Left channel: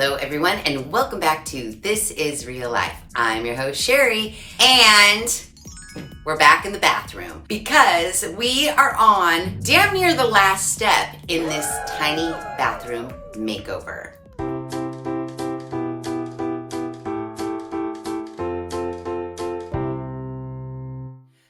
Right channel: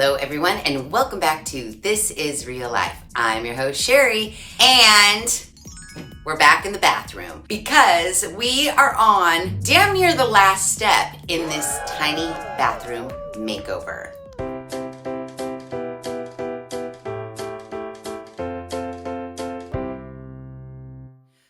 Hello everyone and welcome back to This Is Real Life. I'm your host Sheri and we're back in the bathroom because we are on damn near the last step in this tiny bathroom makeover.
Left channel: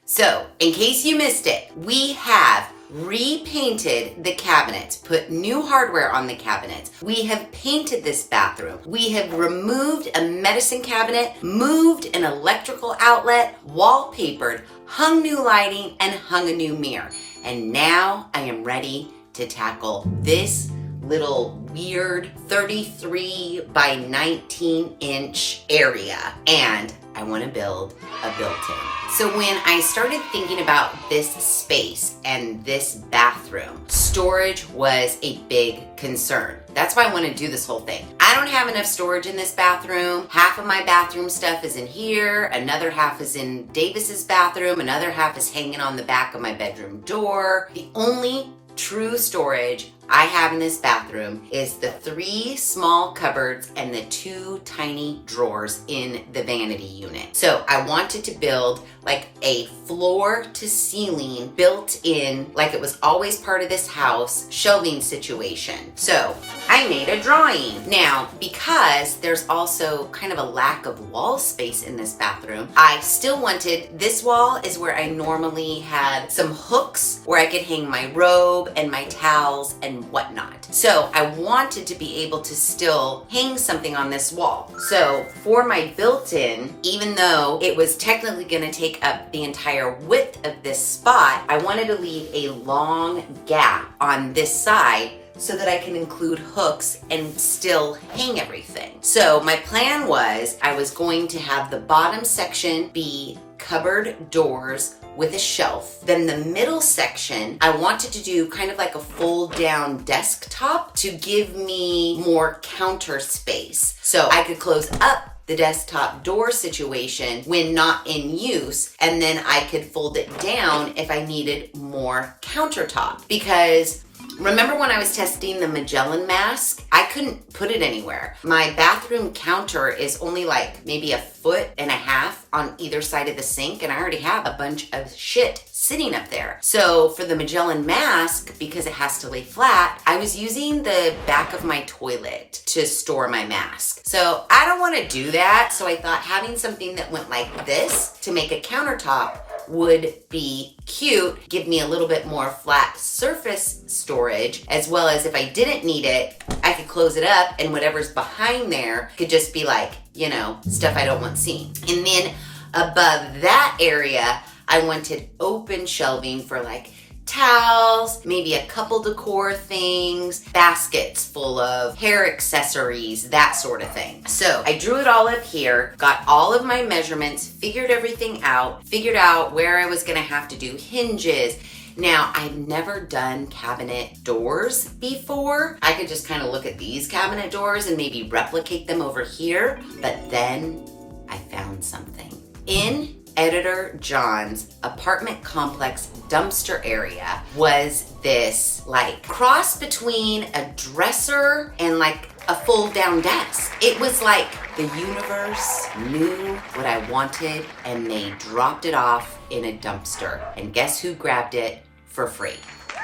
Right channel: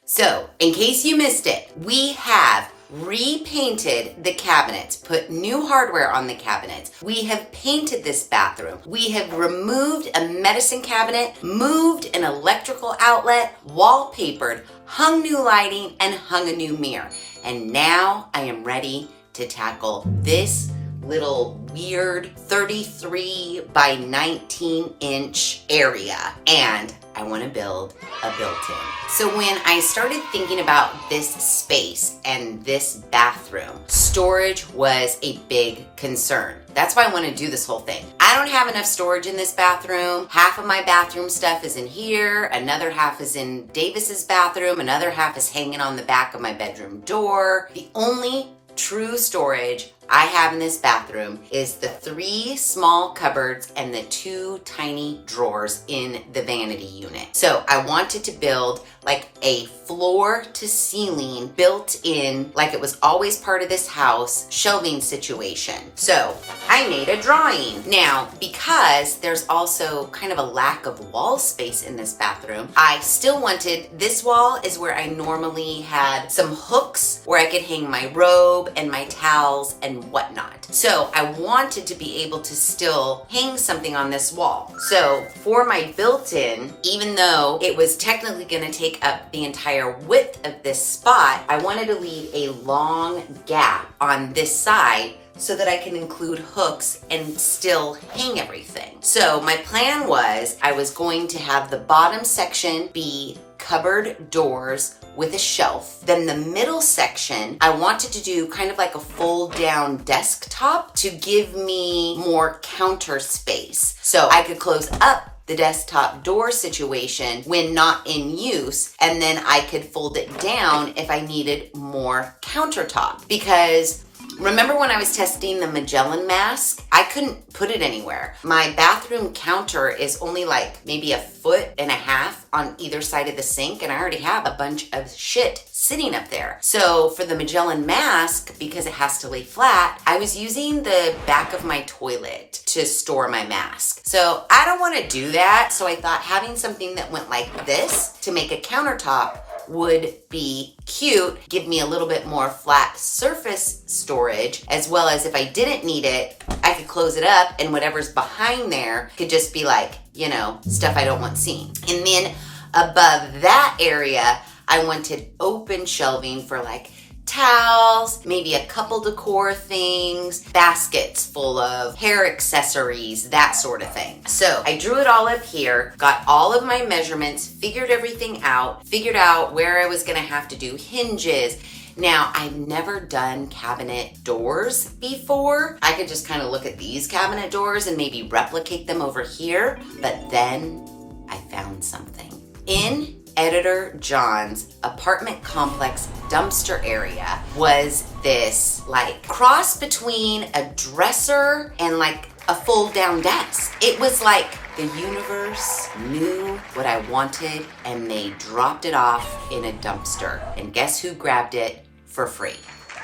So, in case you missed it, we have repainted the cabinets, put new hardware on the cabinets. We have painted this bathroom. We have removed a medicine cabinet, moved an electrical outlet, wallpapered, hung new lighting, and hung a new mirror. And now I am ready to tackle this little weird 33 by 19 inch area. And I want to build a built-in. So when I started thinking about this space and this bathroom, storage was a big concern. That's why I want to do this whole thing. I don't have enough storage in this bathroom. Half of my bathroom stuff is in here. Another half is in Davis's bathroom. Another half is hanging on the back of my bedroom door. The only true storage I have in this bathroom is the 3 small cupboards and the 2 tiny drawers in the vanity unit. So I wanted to build like a floor to ceiling built in, like it was always part of this house, shelving situation. So I made a drawing. Now, because there's also kind of a lack of wall space in this bathroom, I still wanted, this wall is where I normally had some hooks where I could hang my robe and my towels and whatnot. So I wanted to be able to still hang something on this wall. So for my built-in, even though it was technically gonna take up the entire width of this spot, I wanted to leave a long gap on this side so that I can include hooks and still hang everything. So my plan was I was going to have the bottom section be cupboard doors with a shelf. Then the middle section, I wanted to do kind of like a fold down desktop to give me more counter space. So I could close up the desktop door situation when not in use, and then I could fold it down if I needed more countertop. Because remember when I was testing the Magellan mask? I couldn't put it anywhere. My bathroom counter is only like maybe 1.5 feet on either side of the sink, and I already have a bunch of shit sitting up there. So for the Magellan mask, because it has to lay flat, I was using the back of my toilet to store my mask. So I don't want to do that, so I thought having something that went like this to make a countertop would be cute, give me a little bit more flat surface storage, as well as if I didn't need it, I could close it up and whatever's behind there could just be like, you know, stuff I don't want seen. And then above that area, I wanted open shelving for like towels, maybe a couple decor things, baskets full of hair accessories, that sort of thing. So I drew it all up here, got all of my measurements, figured everything out, figured out where I was gonna have to do hinges. Now, I've never done cabinet doors before. I could just kind of look at these cabinet doors and maybe replicate them over here, but then I found something. In Editor John's apartment complex dumpster area was this like cross between a dresser and like a fold down desk. It was like the universe knew what I wanted and they dropped it off in a dumpster. And guess who grabbed it for free?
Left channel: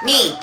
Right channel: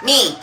Me,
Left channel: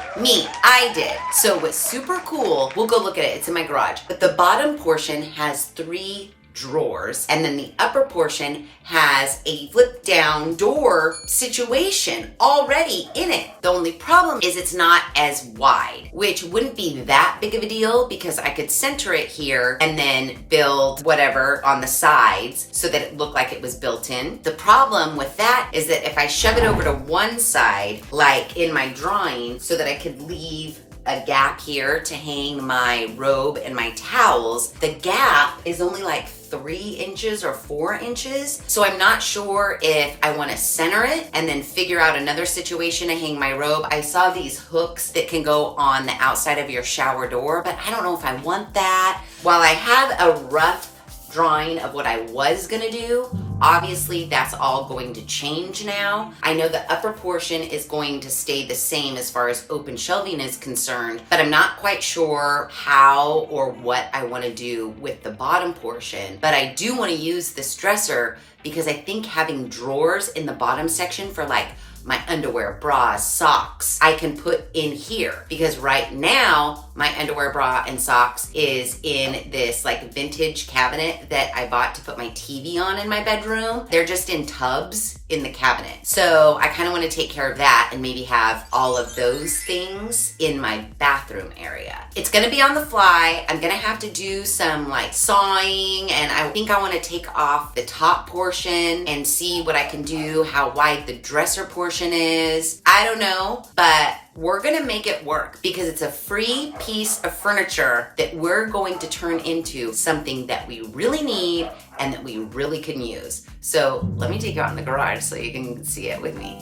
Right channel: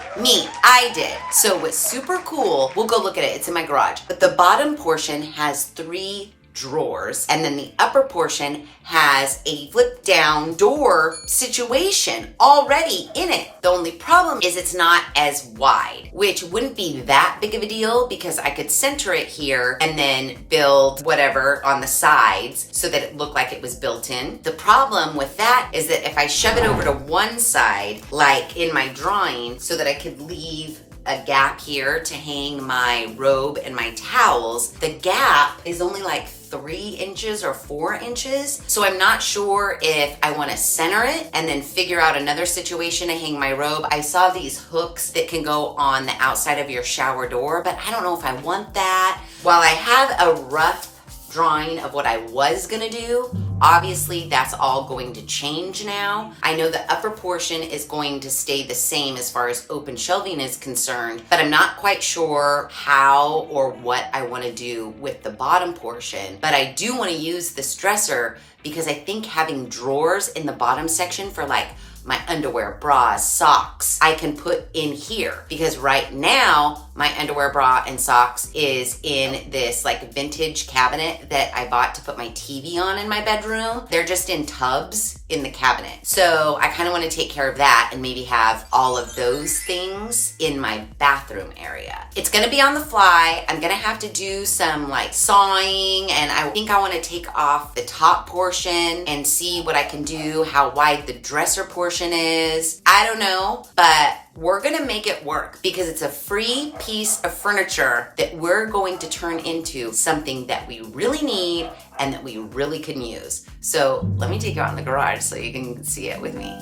I did. So what's super cool, we'll go look at it, it's in my garage. But the bottom portion has 3 drawers, and then the upper portion has a flip down door situation already in it. The only problem is it's not as wide, which wouldn't be that big of a deal because I could center it here and then build whatever on the sides so that it looked like it was built in. The problem with that is that if I shove it over to one side, like in my drawing, so that I could leave a gap here to hang my robe and my towels, the gap is only like 3 inches or 4 inches. So I'm not sure if I want to center it and then figure out another situation to hang my robe. I saw these hooks that can go on the outside of your shower door, but I don't know if I want that. While I have a rough drawing of what I was gonna do, Obviously, that's all going to change now. I know the upper portion is going to stay the same as far as open shelving is concerned, but I'm not quite sure how or what I want to do with the bottom portion. But I do want to use this dresser because I think having drawers in the bottom section for like my underwear, bras, socks, I can put in here, because right now my underwear, bra, and socks is in this like vintage cabinet that I bought to put my TV on in my bedroom. They're just in tubs in the cabinet. So I kind of want to take care of that and maybe have all of those things in my bathroom area. It's going to be on the fly. I'm going to have to do some like sawing, and I think I want to take off the top portion and see what I can do, how wide the dresser portion is. I don't know, but we're gonna make it work because it's a free piece of furniture that we're going to turn into something that we really need and that we really can use. So let me take you out in the garage so you can see it with me.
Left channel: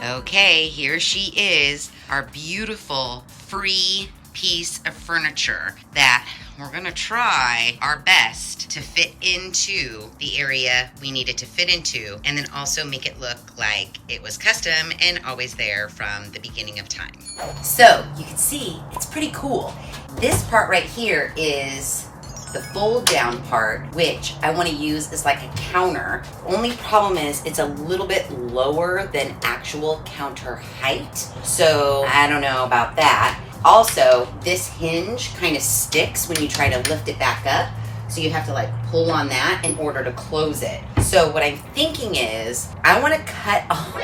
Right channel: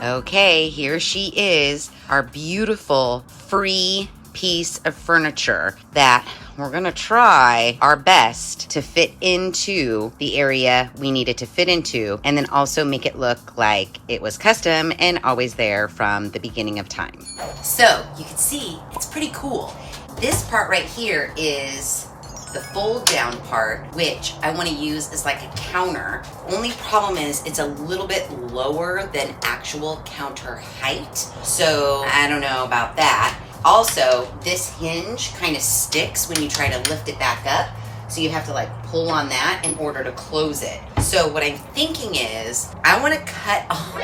Okay, here she is, our beautiful free piece of furniture that we're gonna try our best to fit into the area we need it to fit into, and then also make it look like it was custom and always there from the beginning of time. So you can see it's pretty cool. This part right here is the fold down part, which I want to use as like a counter. Only problem is it's a little bit lower than actual counter height, so I don't know about that. Also, this hinge kind of sticks when you try to lift it back up, so you have to like pull on that in order to close it. So what I'm thinking is I want to cut off,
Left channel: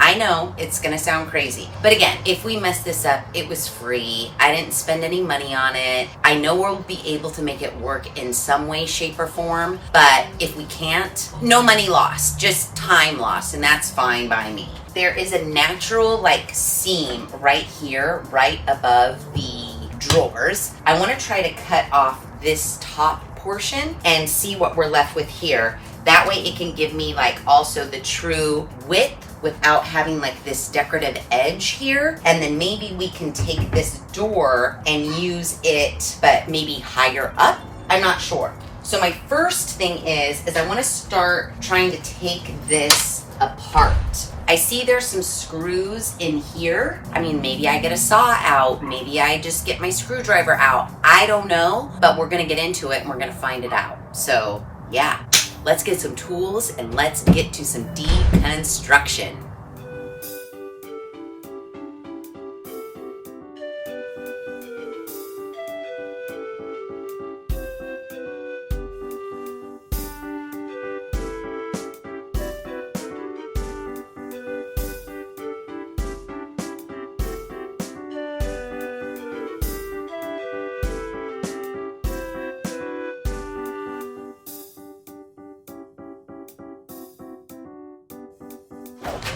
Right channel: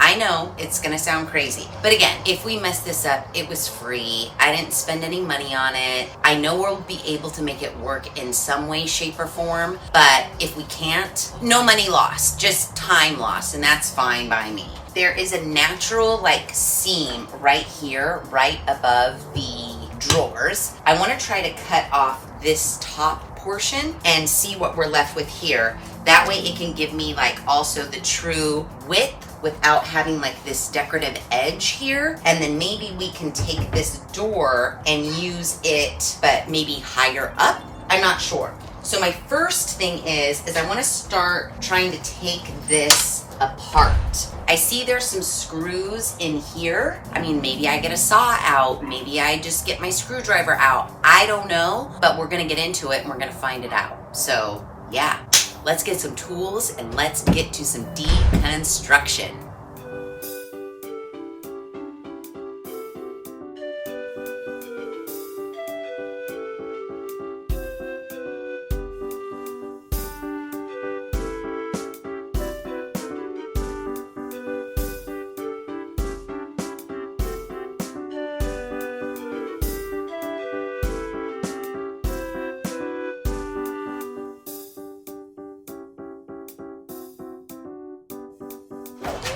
I know it's gonna sound crazy, but again, if we mess this up, it was free. I didn't spend any money on it. I know we'll be able to make it work in some way, shape, or form, but if we can't, no money lost, just time lost, and that's fine by me. There is a natural like seam right here, right above the drawers. I want to try to cut off this top portion and see what we're left with here. That way it can give me like also the true width without having like this decorative edge here. And then maybe we can take this door and use it, but maybe higher up. I'm not sure. So my first thing is I want to start trying to take this apart. I see there's some screws in here. I mean, maybe I get a saw out. Maybe I just get my screwdriver out. I don't know, but we're gonna get into it and we're gonna find it out. So yeah, let's get some tools and let's get to some deconstruction.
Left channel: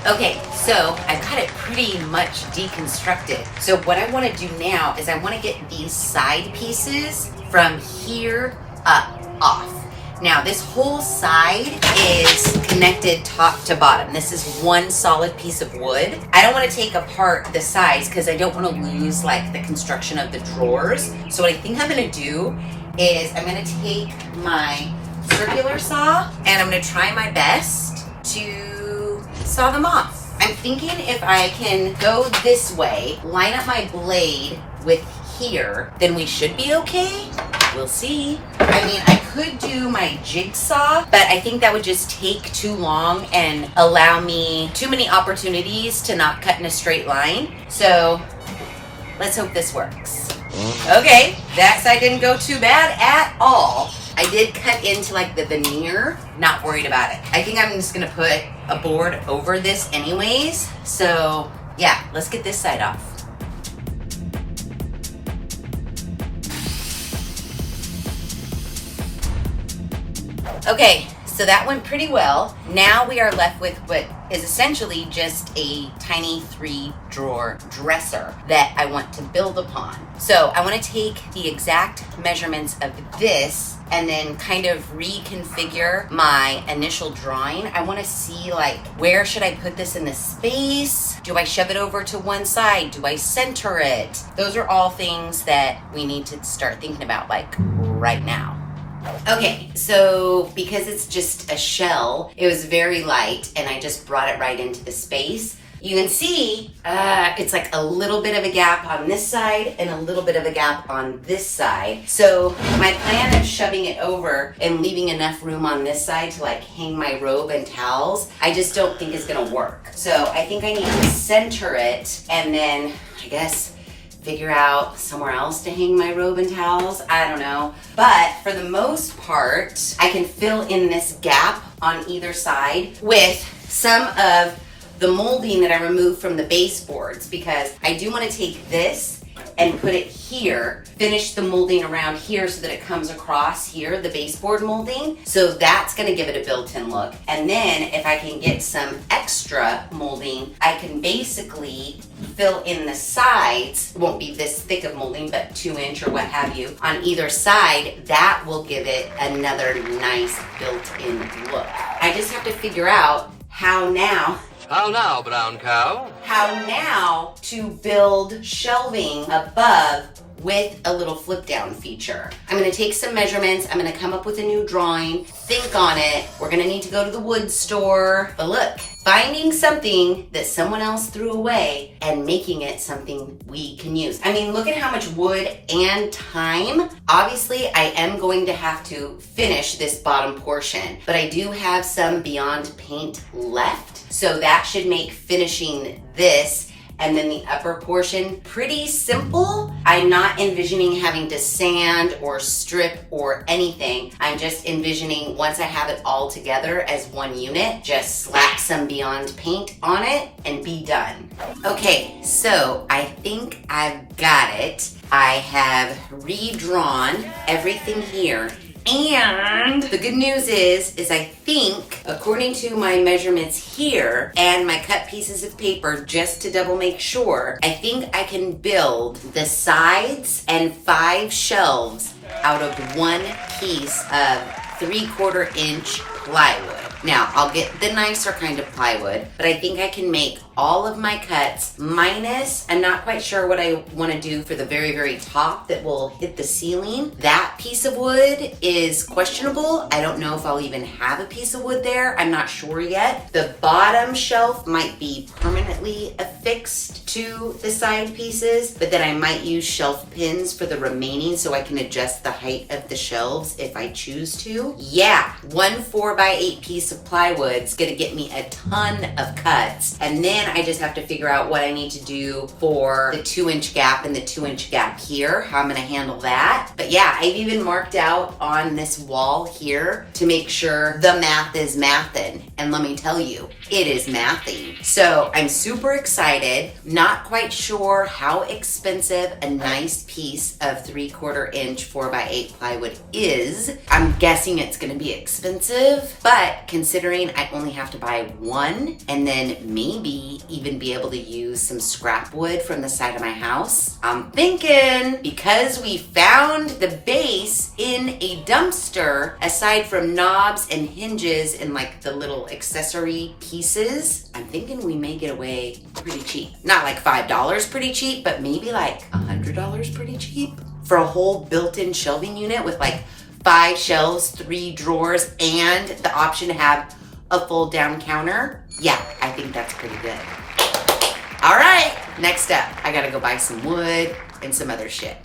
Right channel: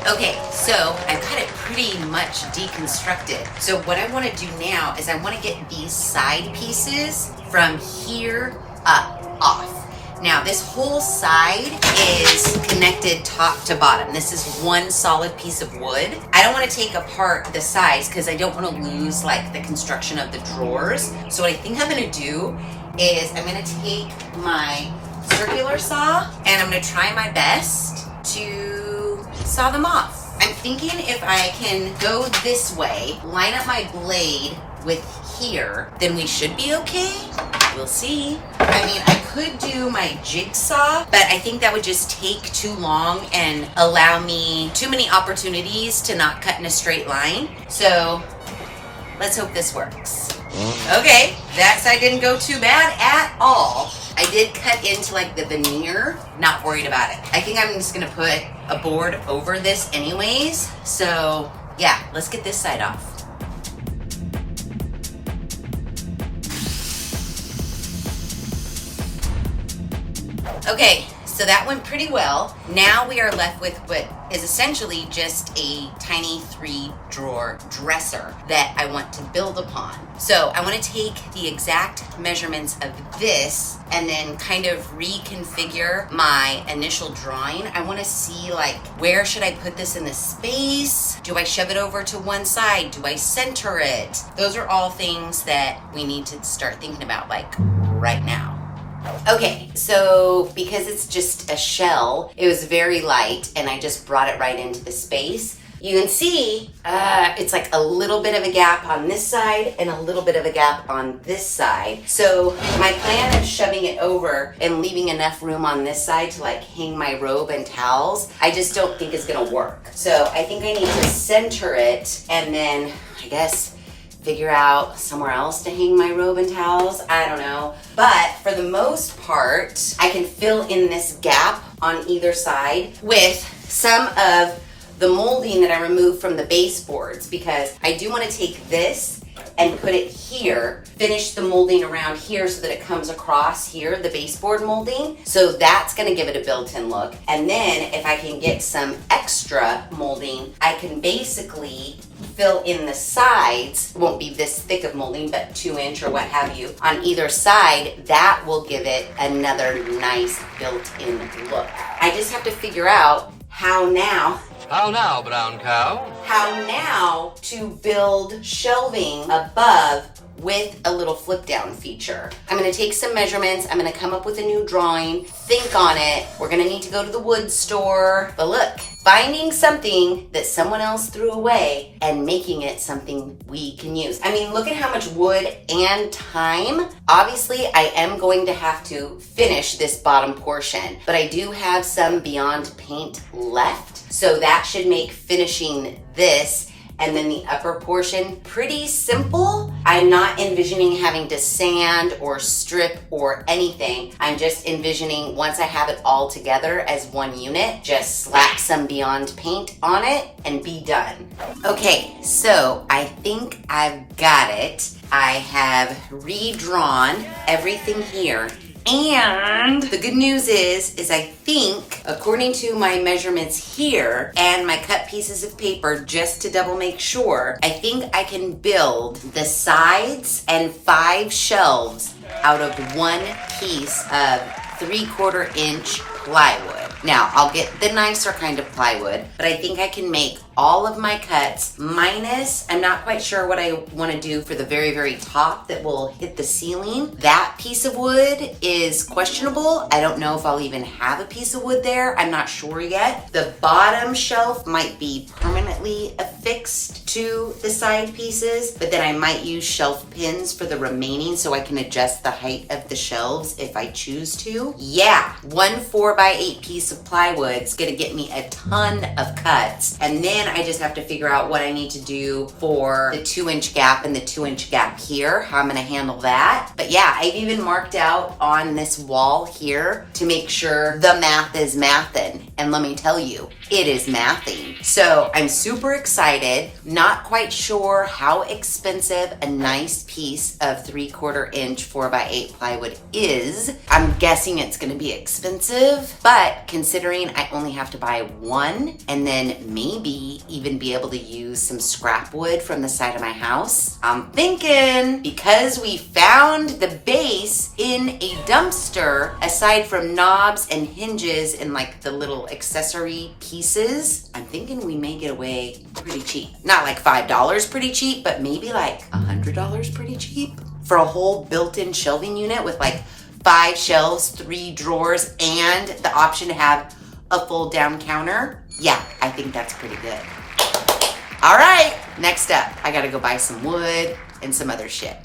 Okay, so I've got it pretty much deconstructed. So what I want to do now is I want to get these side pieces from here up off. Now this whole side is connected top to bottom. This is one solid piece of wood. I don't want to take apart the sides because I don't want to lose like the construction of the drawers. So what I think I'm going to do is I'm going to take my circular saw and I'm going to try my best to saw them off. I'm thinking if I can go this way, line up my blade with here, then we should be okay. We'll see. I mean, I could do my jigsaw, but I think that would just take too long and allow me too many opportunities to not cut in a straight line. So let's hope this works. Okay, that side didn't go too bad at all. I did cut into like the veneer, not worried about it. I think I'm just gonna put a board over this anyways. So yeah, let's get this side off. Okay, so that went pretty well. Now we are left with what is essentially just a tiny 3-drawer dresser that I want to build upon. So I want to take the exact measurements of this and then kind of reconfigure my initial drawing. I want to see like, where should I put this in the space? Do I shove it over to one side? Do I center it? Those are all things that we need to start thinking about like right now. Okay, so because it's just a shell, it was very light and I just brought it right into the space. You can see it's like a little bit of a gap on this side and a little bit of a gap on this side. So my plan of shoving it over and leaving enough room on this side to like hang my robe and towels, I just don't think is gonna work. So I think I need to center it and then I guess figure out somewhere else to hang my robe and towels. I don't know. But for the most part, I can fill in this gap on either side with some of the molding that I removed from the baseboards, because I do want to take this and put it here, finish the molding around here so that it comes across here, the baseboard molding. So that's going to give it a built-in look. And then if I can get some extra molding, I can basically fill in the sides. It won't be this thick of molding, but 2-inch or what have you on either side. That will give it another nice built-in look. I just have to figure out how now, brown cow? how now to build shelving above with a little flip down feature. I'm gonna take some measurements, I'm gonna come up with a new drawing, think on it. We're gonna need to go to the wood store. But look, finding something that someone else threw away and making it something we can use. I mean, look at how much wood and time. Obviously, I am going to have to finish this bottom portion, but I do have some Beyond paint left. So that should make finishing this and then the upper portion pretty simple. I'm not envisioning having to sand or strip or anything. I'm just envisioning once I have it all together as one unit, just slap some Beyond paint on it and be done. Okay, so I think I've got it. I have redrawn everything here. And the good news is I think, according to my measurements here and my cut pieces of paper, just to double make sure, I think I can build the sides and 5 shelves out of one piece of 3/4 inch plywood. Now, I'll get the nicer kind of plywood, but I think I can make all of my cuts minus, I'm not quite sure what I want to do for the very, very top that will hit the ceiling. That piece of wood is questionable. I don't know if I'll even have a piece of wood there. I'm not sure yet. The bottom shelf might be permanently affixed to the side pieces, but then I might use shelf pins for the remaining so I can adjust the height of the shelves if I choose to. Yeah, one 4x8 piece of plywood is gonna get me a ton of cuts, and then I just have to figure out what I need to do for the 2-inch gap and the 2-inch gap here, how I'm gonna handle that. But yeah, I've even marked out on this wall here to make sure the math is mathin'. And let me tell you, it is mathing. So I'm super excited, not quite sure how expensive a nice piece of 3/4 inch 4x8 plywood is. I'm guessing it's gonna be expensive, but considering I only have to buy one and then maybe even be able to use some scrap wood from the side of my house, I'm thinking, because we found the base in a dumpster, aside from knobs and hinges and like the little accessory pieces, I'm thinking we may get away pretty cheap. Not like $5 pretty cheap, but maybe like $100 pretty cheap for a whole built-in shelving unit with like 5 shelves, 3 drawers, and the option to have a full down counter. Yeah, I think that's pretty good. All right, next up, I gotta go buy some wood and some other shit.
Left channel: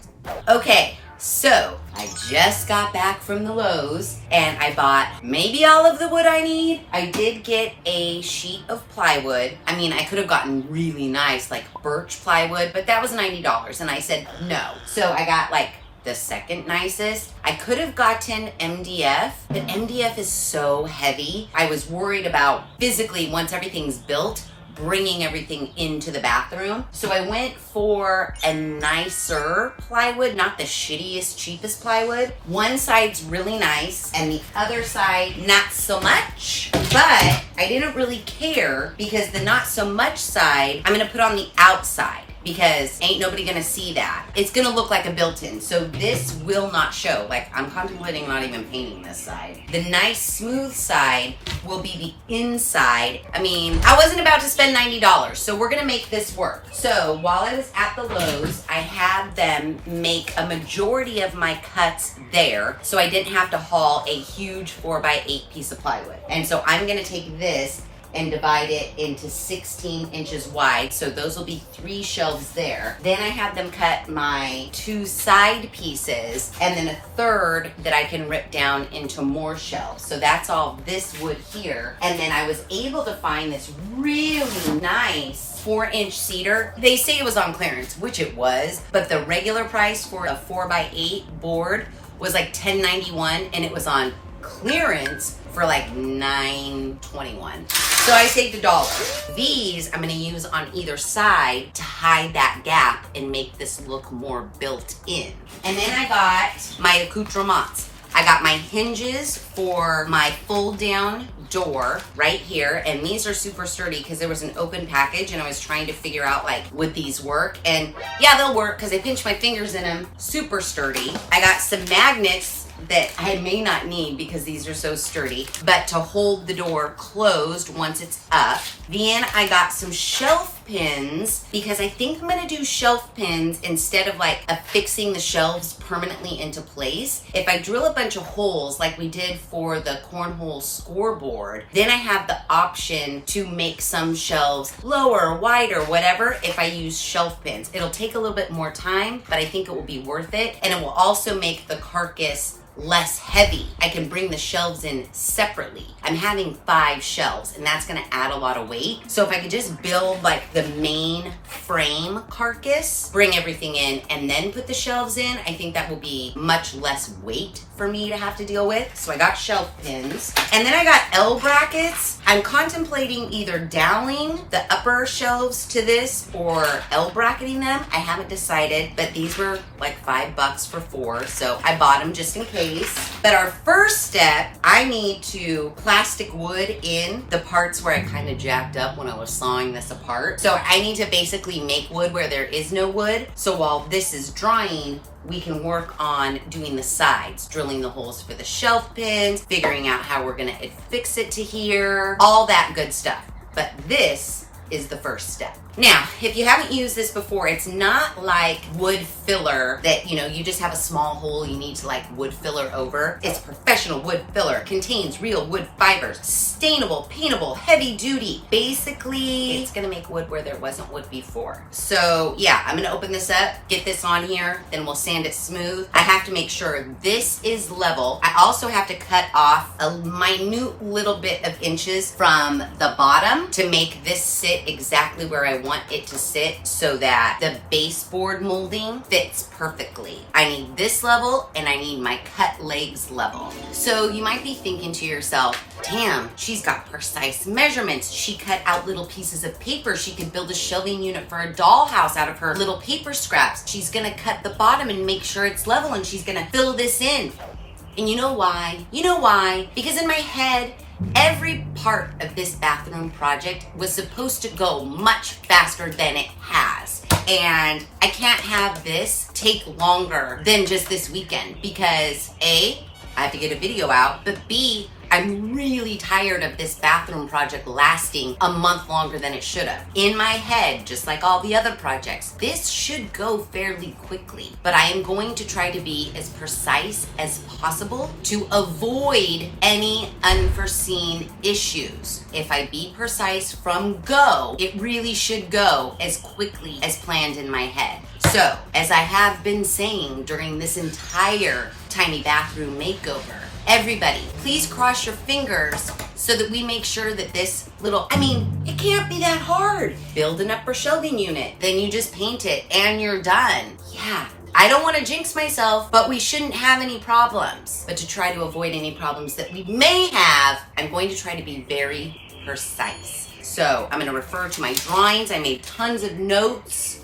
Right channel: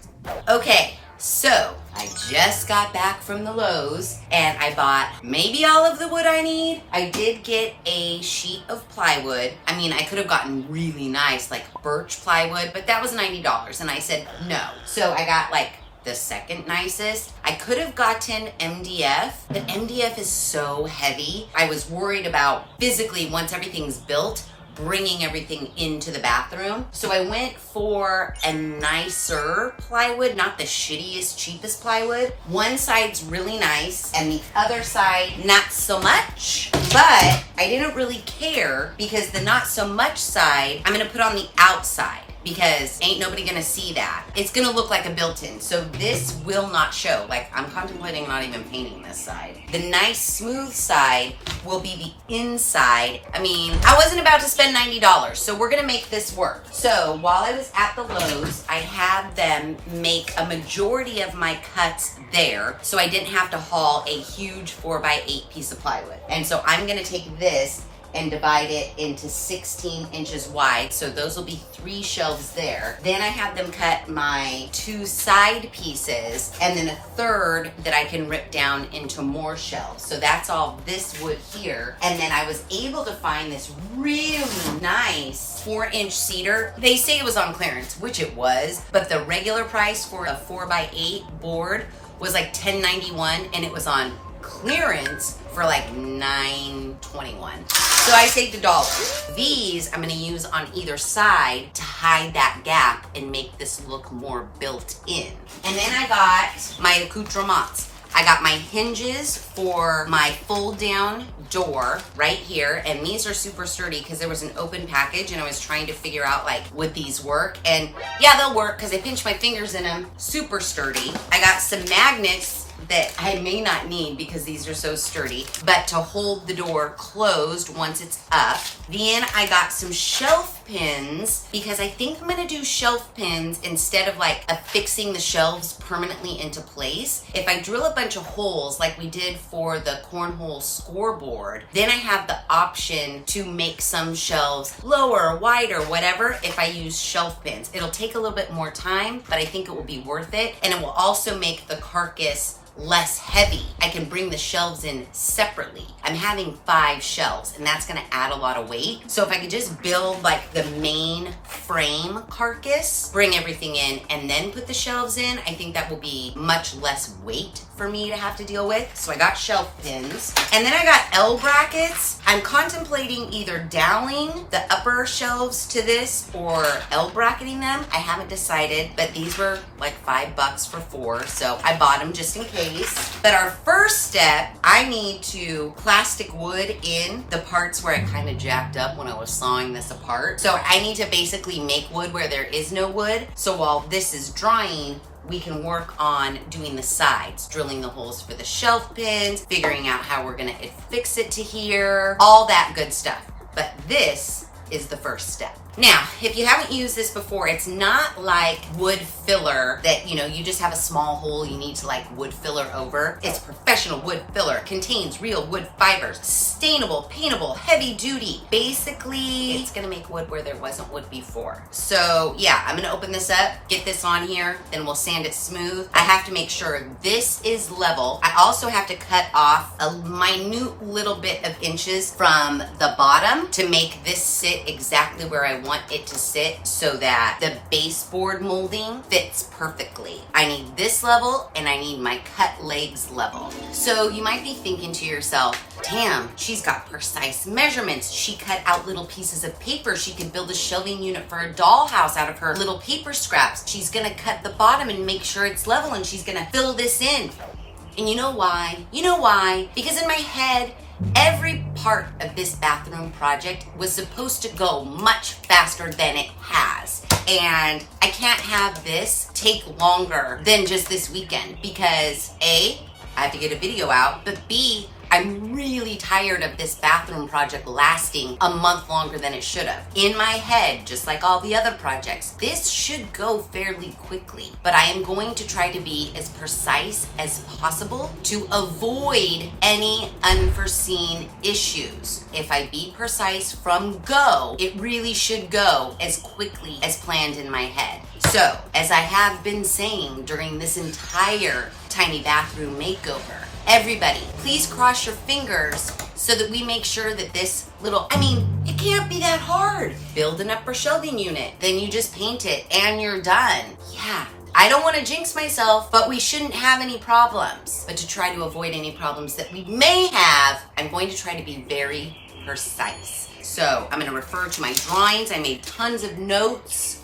Okay, so I just got back from the Lowe's and I bought maybe all of the wood I need. I did get a sheet of plywood. I mean, I could have gotten really nice like birch plywood, but that was $90 and I said no. So I got like the second nicest. I could have gotten MDF, but MDF is so heavy. I was worried about physically, once everything's built, bringing everything into the bathroom. So I went for a nicer plywood, not the shittiest, cheapest plywood. One side's really nice and the other side not so much, but I didn't really care because the not so much side, I'm gonna put on the outside. because ain't nobody gonna see that. It's gonna look like a built-in, so this will not show. Like, I'm contemplating not even painting this side. The nice smooth side will be the inside. I mean, I wasn't about to spend $90, so we're gonna make this work. So while I was at the Lowe's, I had them make a majority of my cuts there, so I didn't have to haul a huge 4x8 piece of plywood. And so I'm gonna take this and divide it into 16 inches wide. So those will be 3 shelves there. Then I have them cut my 2 side pieces and then a third that I can rip down into more shelves. So that's all this wood here. And then I was able to find this really nice 4-inch cedar. They say it was on clearance, which it was, but the regular price for a 4x8 board was like $10.91 and it was on clearance for like $9.21. So I saved $1. These I'm gonna use on either side to hide that gap and make this look more built in. And then I got my accoutrements. I got my hinges for my fold down door right here, and these are super sturdy because there was an open package and I was trying to figure out like, would these work? And yeah, they'll work because I pinched my fingers in them. Super sturdy. I got some magnets that I may not need because these are so sturdy, but to hold the door closed once it's up. Then I got some shelf pins because I think I'm gonna do shelf pins instead of like affixing the shelves permanently into place. If I drill a bunch of holes like we did for the cornhole scoreboard, then I have the option to make some shelves lower, wider, whatever, if I use shelf pins. It'll take a little bit more time, but I think it will be worth it. And it will also make the carcass less heavy. I can bring the shelves in separately. I'm having 5 shelves and that's gonna add a lot of weight. So if I could just build like the main frame carcass, bring everything in and then put the shelves in, I think that will be much less weight for me to have to deal with. So I got shelf pins. And then I got L brackets. I'm contemplating either doweling the upper shelves to this or L bracketing them. I haven't decided, but these were like $5 for 4. So I bought them just in case. But our first step, I need to plastic wood in the parts where I kind of jacked up when I was sawing this apart. So I need to basically make wood where there is no wood. So while this is drying, we can work on doing the sides, drilling the holes for the shelf pins, figuring out how we're gonna affix it to here, all that good stuff. But this is the first step. Now, if you haven't used this before, it's not like wood filler that, you know, you just have a small hole you need to like wood filler over. It's professional wood filler, contains real wood fibers, sustainable, paintable, heavy duty. Basically, it's gonna make wood where there wasn't wood before. So yeah, I'm gonna open this up, get this on here, then we'll sand it smooth. I have to make sure this is level. I also have to cut off a minute little bit of inches from the bottom to make this sit exactly where I want it to sit so that the baseboard molding fits perfectly. I need this level and I need my cut legs level. So you might be thinking to yourself, damn, she's got precise measurements. She cut out little pieces of paper. She could build a shelving unit for a dollhouse out of her little paper scraps. She's gonna cut the bottom and make sure it's level and she's gonna fill this in. And you know why? You know why? Because in my head, every part of this bathroom project was supposed to go much faster than it has. And I can't have this take longer than just this weekend because A, I have to get a video out, but B, I'm really tired of this bathroom project lasting a month longer than it should have. In my head, just like all the other projects, this should go fairly quickly, but I am going to try to be as precise as possible to avoid any unforeseen issues. If I be precise from go, it really should go as quickly as planned in my head. So, as I have been saying during this entire tiny bathroom makeover, everybody, please cross your fingers so that we make sure that this little, I mean, it can't be that hard. Build an upper shelving unit, then you just paint it and you're done. Yeah, I don't want to jinx myself, but we shouldn't have any problems. But to try to avoid any problems that we may have, I'm going to try to be very precise. So I'm going to refer to my drawings. I made tons of notes.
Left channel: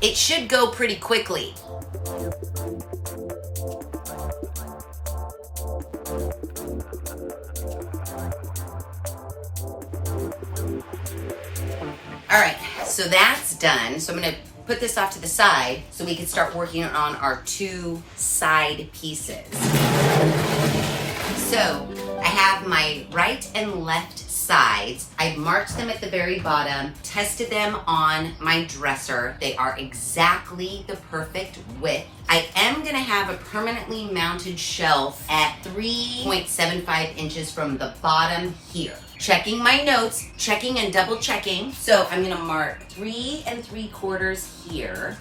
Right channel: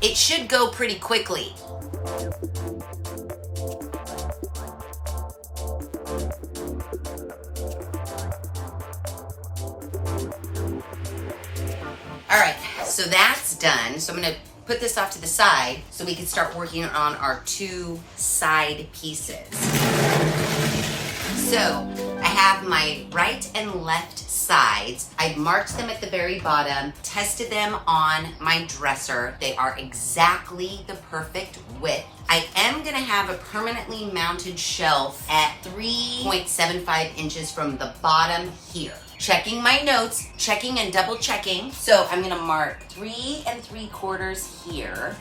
It should go pretty quickly. All right, so that's done. So I'm gonna put this off to the side so we can start working on our 2 side pieces. So I have my right and left sides. I've marked them at the very bottom, tested them on my dresser. They are exactly the perfect width. I am gonna have a permanently mounted shelf at 3.75 inches from the bottom here. Checking my notes, checking and double checking. So I'm gonna mark 3 3/4 here.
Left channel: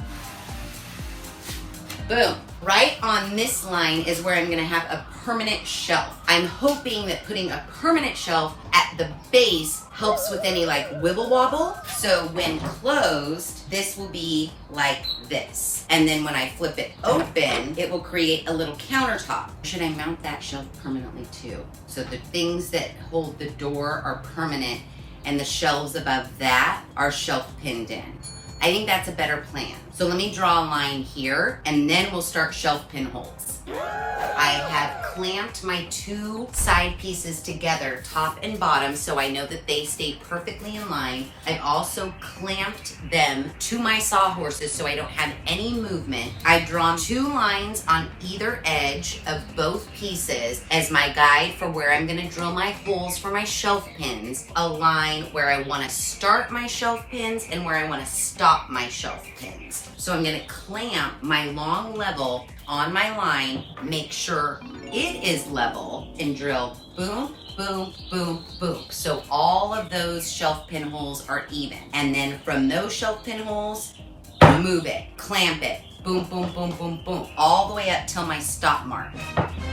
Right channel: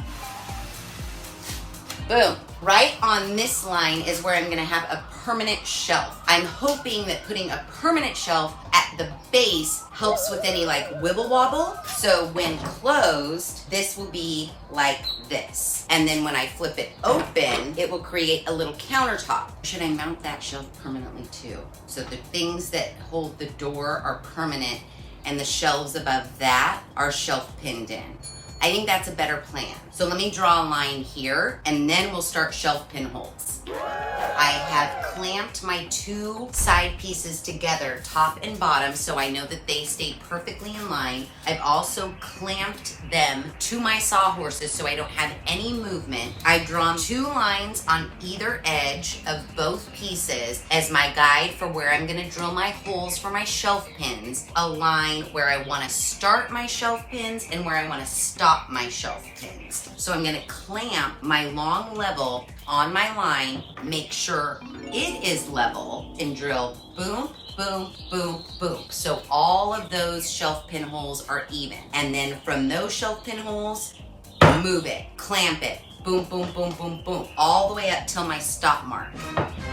Boom. Right on this line is where I'm gonna have a permanent shelf. I'm hoping that putting a permanent shelf at the base helps with any like wibble wobble. So when closed, this will be like this. And then when I flip it open, it will create a little countertop. Should I mount that shelf permanently too? So the things that hold the door are permanent and the shelves above that are shelf pinned in. I think that's a better plan. So let me draw a line here and then we'll start shelf pinholes. I have clamped my 2 side pieces together, top and bottom, so I know that they stay perfectly in line. I've also clamped them to my sawhorses so I don't have any movement. I've drawn 2 lines on either edge of both pieces as my guide for where I'm gonna drill my holes for my shelf pins. A line where I wanna start my shelf pins and where I wanna stop my shelf pins. So I'm gonna clamp my long level on my line, make sure it is level, and drill boom, boom, boom, boom. So all of those shelf pin holes are even. And then from those shelf pin holes, move it, clamp it, boom, boom, boom, boom, boom, all the way up till my stop mark.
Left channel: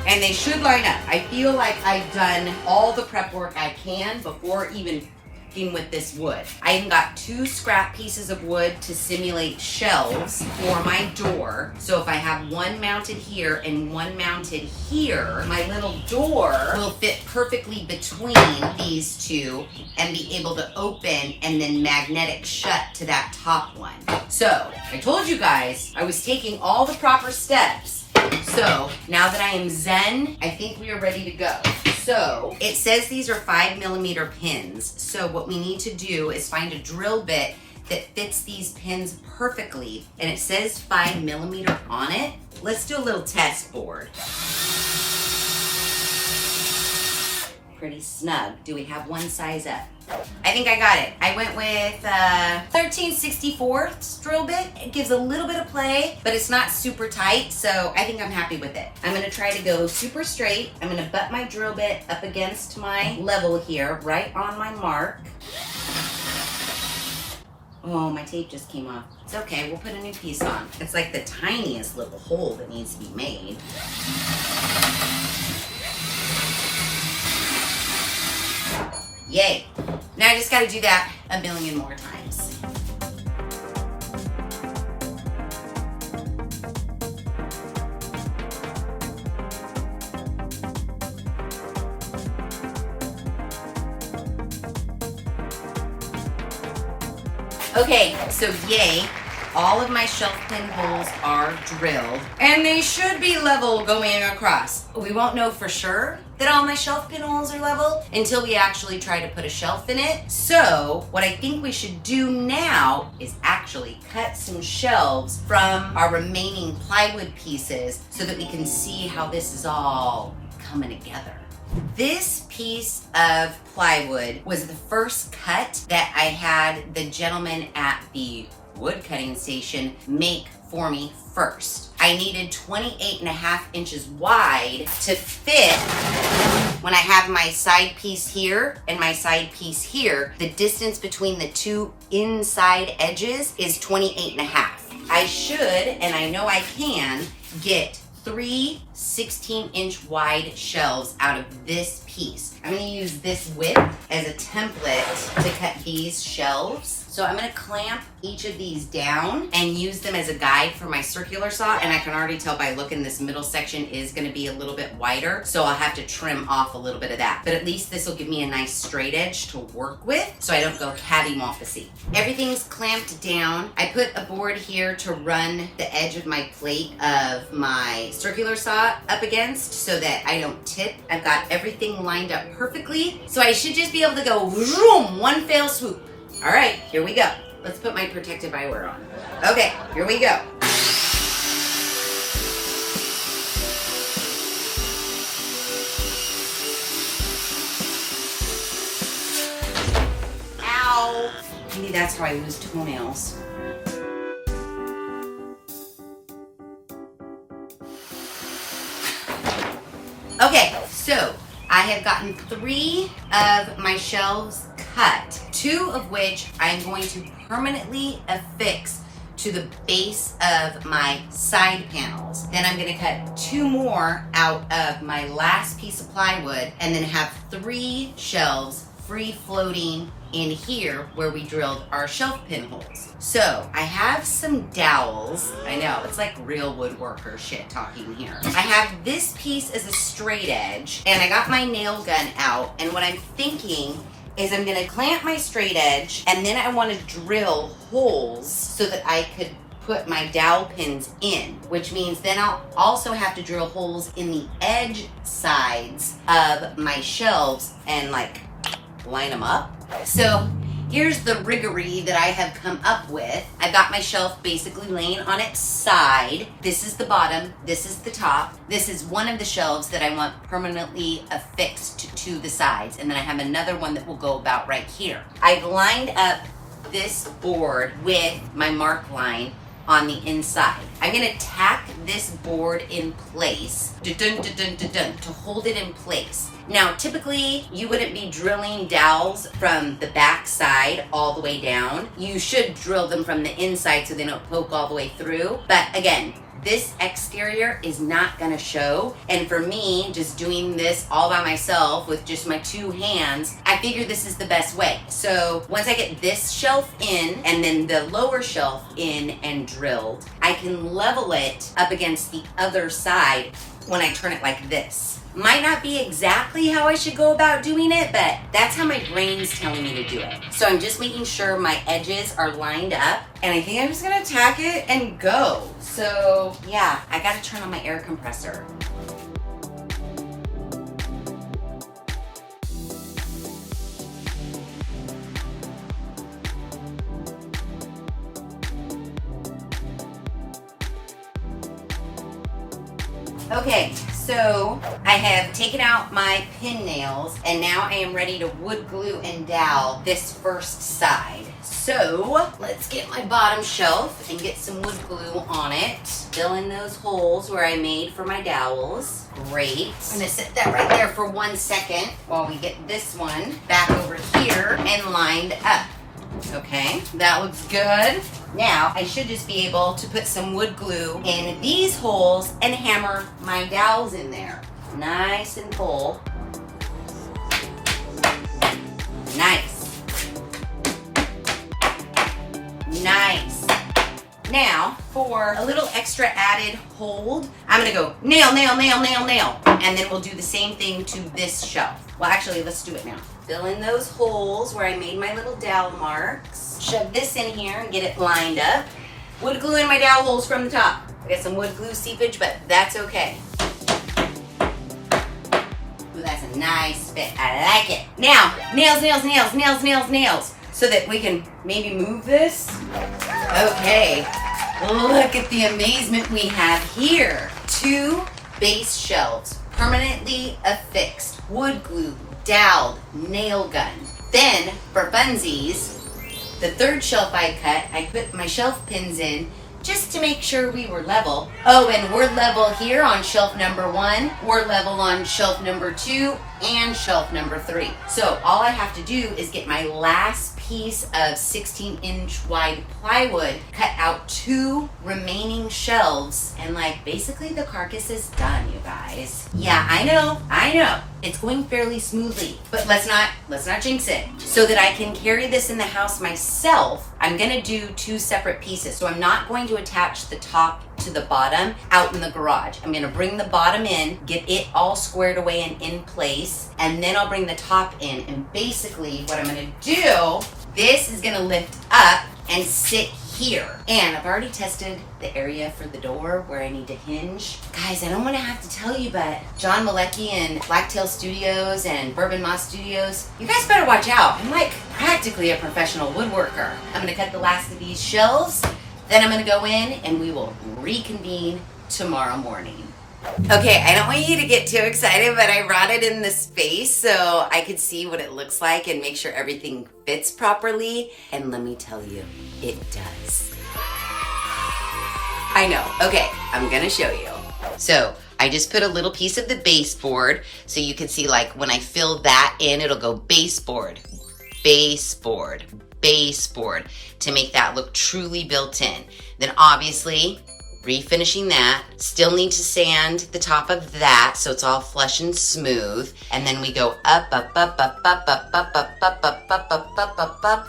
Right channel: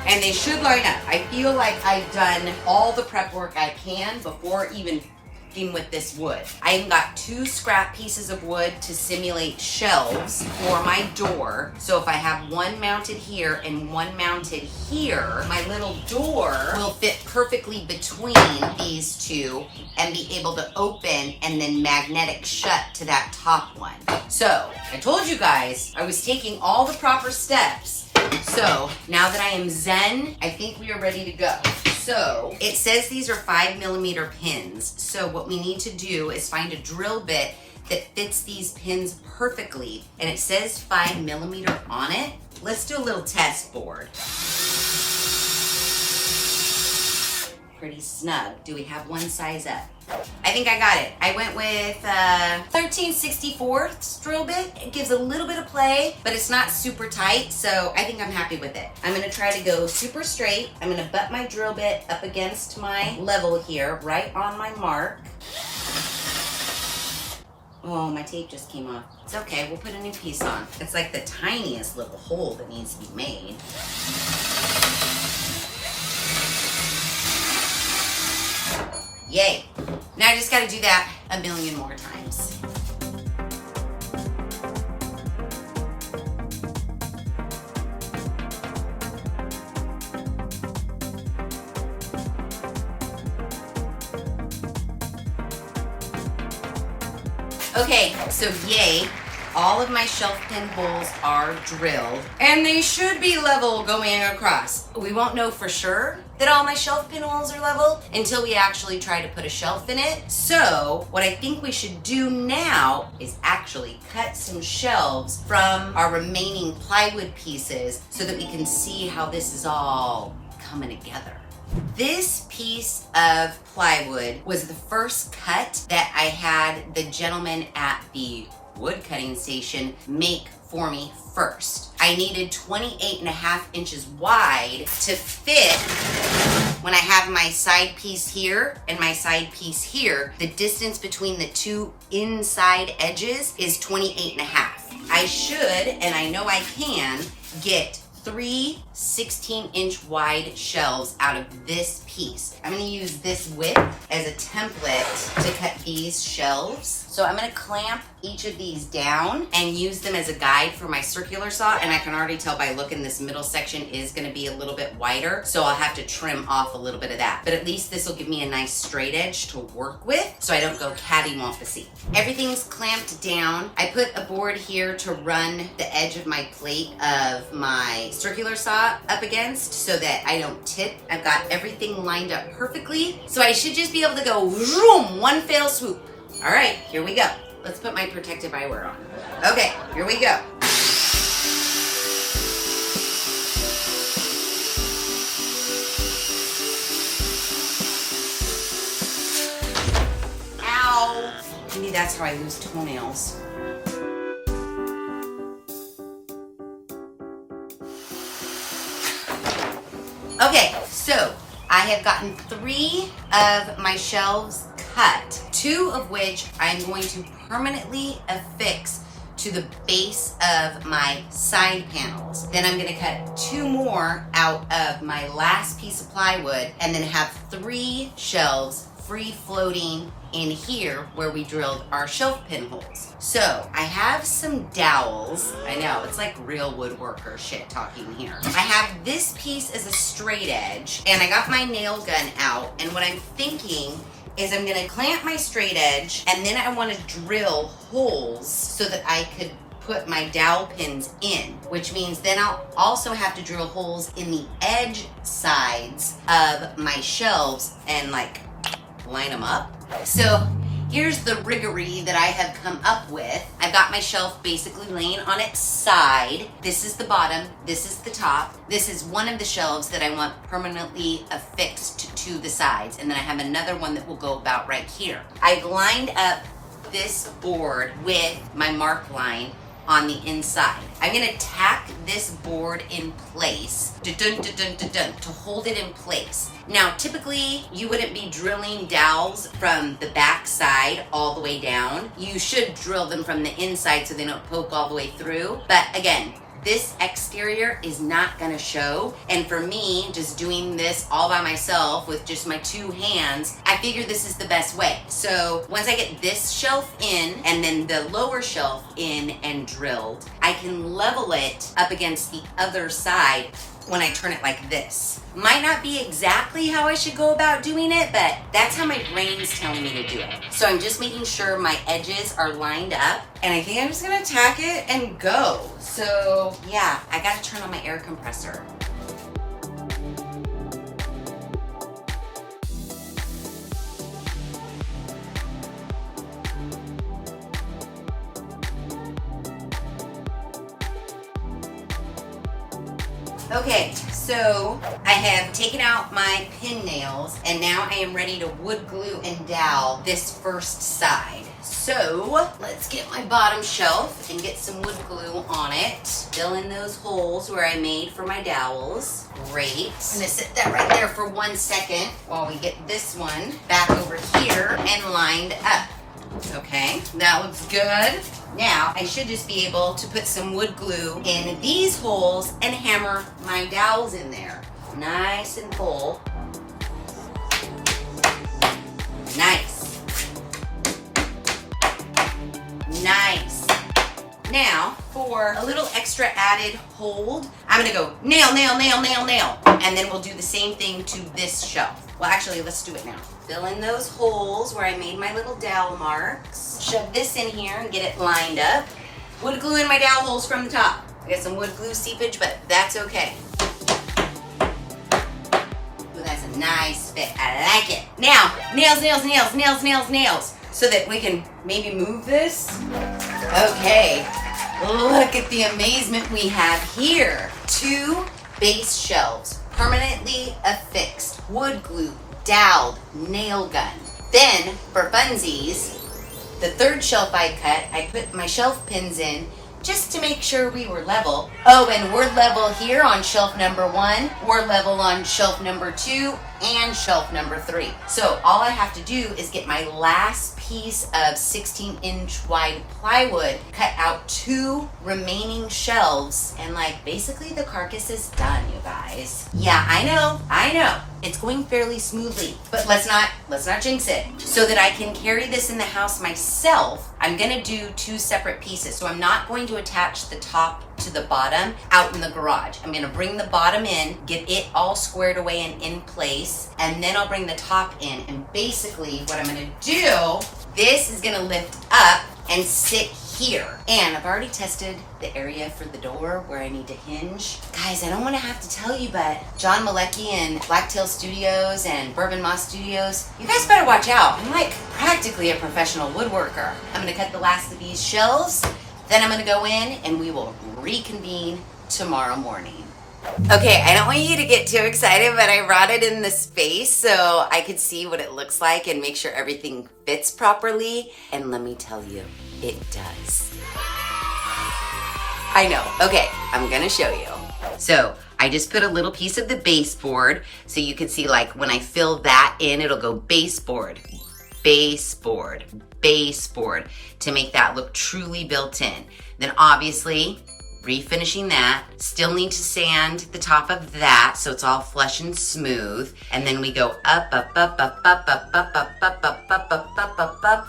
And they should line up. I feel like I've done all the prep work I can before even with this wood. I even got 2 scrap pieces of wood to simulate shelves for my door. So if I have one mounted here and one mounted here, my little door will fit perfectly between these 2 and be able to open and then magnetic shut to that top one. So I told you guys I was taking all the proper steps. So now that I am zen, I think we are ready to go. So it says these are 5mm pins. So what we need to do is find a drill bit that fits these pins perfectly. And it says 5mm on it. Let's do a little test board. Pretty snug. Do we have one size up? I think I got it. I went with 13/64 drill bit. It gives a little bit of play, but it's not super tight, so I think I'm happy with it. I'm gonna try to go super straight. I'm gonna butt my drill bit up against my level here, right on my mark. Oh, my tape just came off. It's okay, we'll put a new piece on. It's like the tiniest little hole that needs to be made. Yay. Now I just gotta do that a million more times. Okay, so yay. All of my shelf pin holes are drilled and they should be level going across. We won't know for sure that all my shelf pin holes are level until we actually try to put a shelf in it. So what I think we should do now is actually cut some shelves from our remaining plywood pieces so that we can see how this is all coming together. This piece of plywood was the first cut that I had the gentleman at the wood cutting station make for me first. I needed 28.5 inches wide to fit when I have my side piece here and my side piece here. The distance between the 2 inside edges is 28.5. I should, and I know I can, get 3 16-inch wide shelves out of this piece. I'm gonna use this width as a template to cut these shelves. So I'm gonna clamp each of these down and use them as a guide for my circular saw. And I can already tell by looking, this middle section is gonna be a little bit wider. So I'll have to trim off a little bit of that. But at least this will give me a nice straight edge to work with so I don't go cattywampus-y. Everything's clamped down. I put a board here to run the edge of my plate of my circular saw up against so that I don't tip. I've got everything lined up perfectly. So I should just be able to go zoom, one fell swoop. All right, here we go. let's put my protective eyewear on. Okay, here we go. Ow! Maybe that's how I lose toenails. Okay, so I have gotten 3 of my shelves cut, 2 of which I'm going to permanently affix to the base of my side panels. Then I'm gonna cut 2 more out of my last piece of plywood and then have 3 shelves free floating in here where we drilled our shelf pinholes. So I have some dowels. I know, it's like real woodworker shit talking here. I have this piece as a straight edge and I got my nail gun out, and what I'm thinking is I'm gonna clamp my straight edge and then I wanna drill holes so that I could put my dowel pins in, which means then I'll also have to drill holes in the edge sides of my shelves and like line them up. So here's the riggery that I have come up with. I've got my shelf basically laying on its side. This is the bottom, this is the top. This is one of the shelves that I want permanently affixed to the sides, and then I have another one that will go about right here. I've lined up this board with my mark line on the inside. I'm gonna tack this board in place, to hold it in place. Now, typically, you wouldn't be drilling dowels from the back side all the way down. You should drill them from the inside so they don't poke all the way through. But again, this exterior is not gonna show. And for me, just doing this all by myself with just my 2 hands, I figure this is the best way. So once I get this shelf in and then the lower shelf in and drilled, I can level it up against the other side when I turn it like this. Might not be exactly how I should go about doing it, but that's how my brain's telling me to do it. So I'm just making sure my edges are lined up, and I think I'm just gonna tack it and go. So yeah, I gotta turn on my air compressor. Okay, so I have taken out my pin nails and now I am ready to wood glue and dowel this first side. So let's get my bottom shelf and get some wood glue on it. Fill in those holes where I made for my dowels. Great. I'm gonna set that right there for 1 second while we get this one back over here and lined up. Okay, that looks good. Now, I should just be able to put some wood glue in these holes and hammer my dowels in there. Nice and full. Nice. Nice. Now, for a little extra added hold, I'm gonna go nail, nail, nail, nail, nail. And then we'll do the same thing to this shelf. Well, actually, let's do it now. Fill in those holes where I made my little dowel marks. Shove this in here and get it lined up. Wood glue in my dowel holes from the top. I got some wood glue seepage, but that's okay. Ooh, that's a nice fit. I like it. Now, nails, nails, nails, nails, nails, nails. So that we can maybe move this. Okay, look at the amazement we have here. 2 base shelves, permanently affixed, wood glue, doweled, nail gun. Then, for funsies, the 3rd shelf I cut, I put my shelf pins in just to make sure we were level. Oh, and we're level here on shelf number 1. We're level on shelf number 2 and shelf number 3. So all I have to do is get my last piece of 16-inch wide plywood, cut out 2 remaining shelves, and like basically the carcass is done, you guys. Yeah, I know. It's going fairly smoothly, but let's not jinx it. So that I can carry this in the house myself, I'm gonna do 2 separate pieces. So I'm not going to attach the top to the bottom out in the garage. I'm gonna bring the bottom in, get it all squared away and in place, and then I'll bring the top in. And basically what I'm gonna do, this is gonna lift up and sit here. And I've already tested the area for the door where I need to hinge. Guys, I don't want to have to tell you, but John Malecki and Blacktail Studios and Bourbon Moss Studios, you guys better watch out. I'm like practically a professional woodworker. I'm gonna cut the last of these shelves, then I'm gonna go in and we will reconvene tomorrow morning. Okay, I don't want you to get too excited, but I brought it in the space so I could see what it looks like and make sure everything fits properly. And let me tell you, it does. I know. Okay, I'm gonna show you. So I just put a little piece of the baseboard so you can see, like, when I fill that in, it'll go baseboard, baseboard, baseboard to make that look truly built in. Then obviously, refinishing that, still need to sand the top of that so it's all flush and smooth. And then we go up, up, up, up, up, up, up, up, up, up, up, up, up, up, up,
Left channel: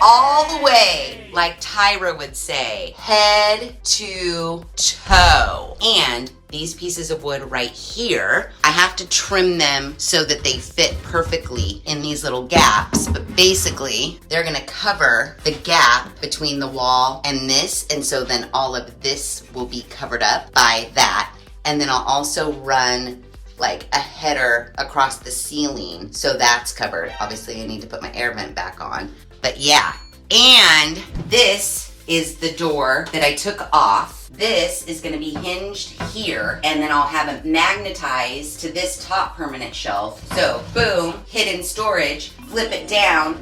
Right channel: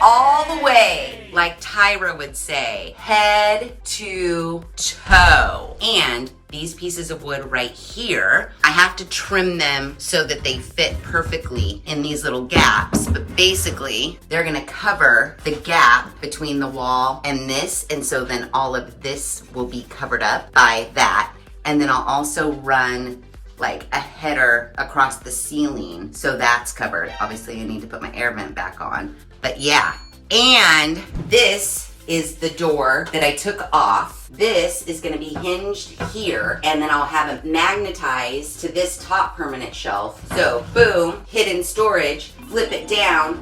all the way, like Tyra would say, head to toe. And these pieces of wood right here, I have to trim them so that they fit perfectly in these little gaps. But basically, they're gonna cover the gap between the wall and this. And so then all of this will be covered up by that. And then I'll also run like a header across the ceiling, so that's covered. Obviously, I need to put my air vent back on. But yeah, and this is the door that I took off. This is gonna be hinged here, and then I'll have it magnetized to this top permanent shelf. So boom, hidden storage, flip it down,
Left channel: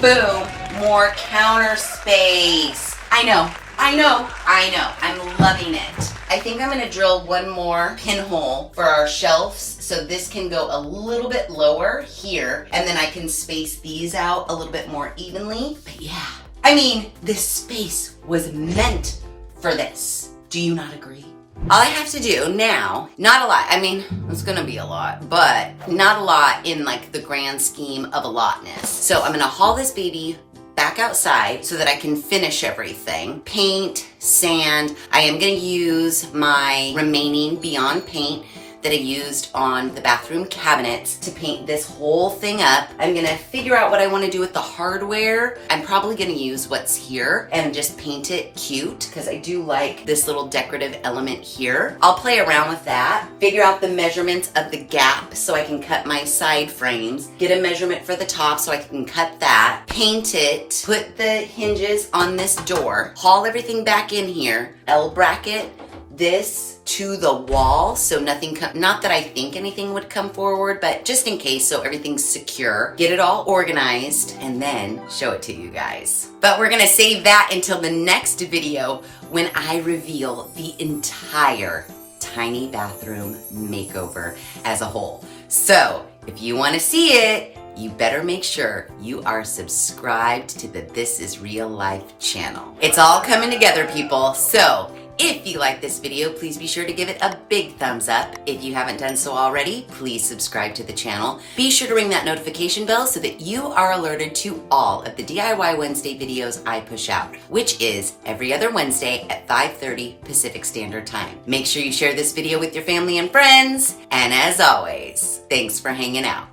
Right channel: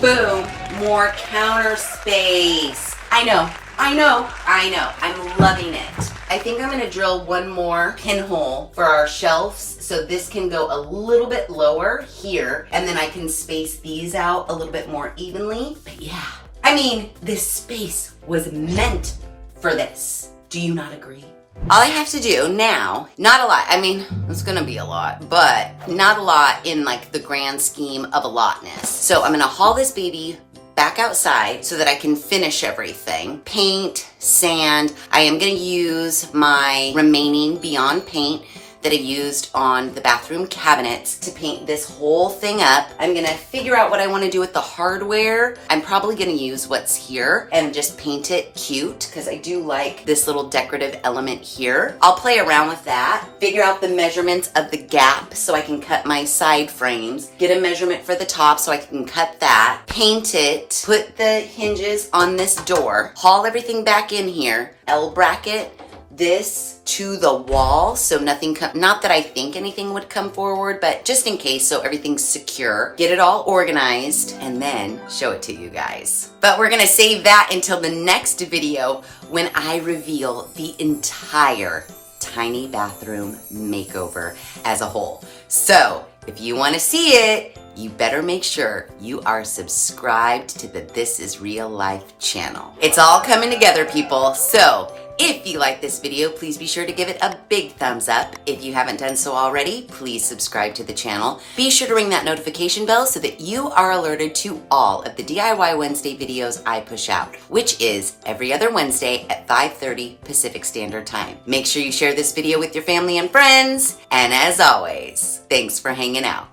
boom, more counter space. I know, I'm loving it. I think I'm gonna drill one more pinhole for our shelves so this can go a little bit lower here, and then I can space these out a little bit more evenly. But yeah, I mean, this space was meant for this. Do you not agree? All I have to do now, not a lot, I mean, it's gonna be a lot, but not a lot in like the grand scheme of a lotness. So I'm gonna haul this baby back outside so that I can finish everything. Paint, sand. I am gonna use my remaining Beyond paint that I used on the bathroom cabinets to paint this whole thing up. I'm gonna figure out what I wanna do with the hardware. I'm probably gonna use what's here and just paint it cute because I do like this little decorative element here. I'll play around with that, figure out the measurements of the gap so I can cut my side frames, get a measurement for the top so I can cut that, paint it, put the hinges on this door, haul everything back in here, L bracket this to the wall so nothing not that I think anything would come forward, but just in case, so everything's secure. Get it all organized and then show it to you guys. But we're gonna save that until the next video when I reveal the entire tiny bathroom makeover as a whole. So if you want to see it, you better make sure you are subscribed to the This Is Real Life channel. It's all coming together, people. So if you like this video, please be sure to give it a big thumbs up. If you haven't done so already, please subscribe to the channel. Be sure to ring that notification bell so that you are alerted to all of the DIY Wednesday videos I push out, which is every other Wednesday at 5:30 Pacific Standard Time. Make sure you share this video with your family and friends. And as always, thanks for hanging out.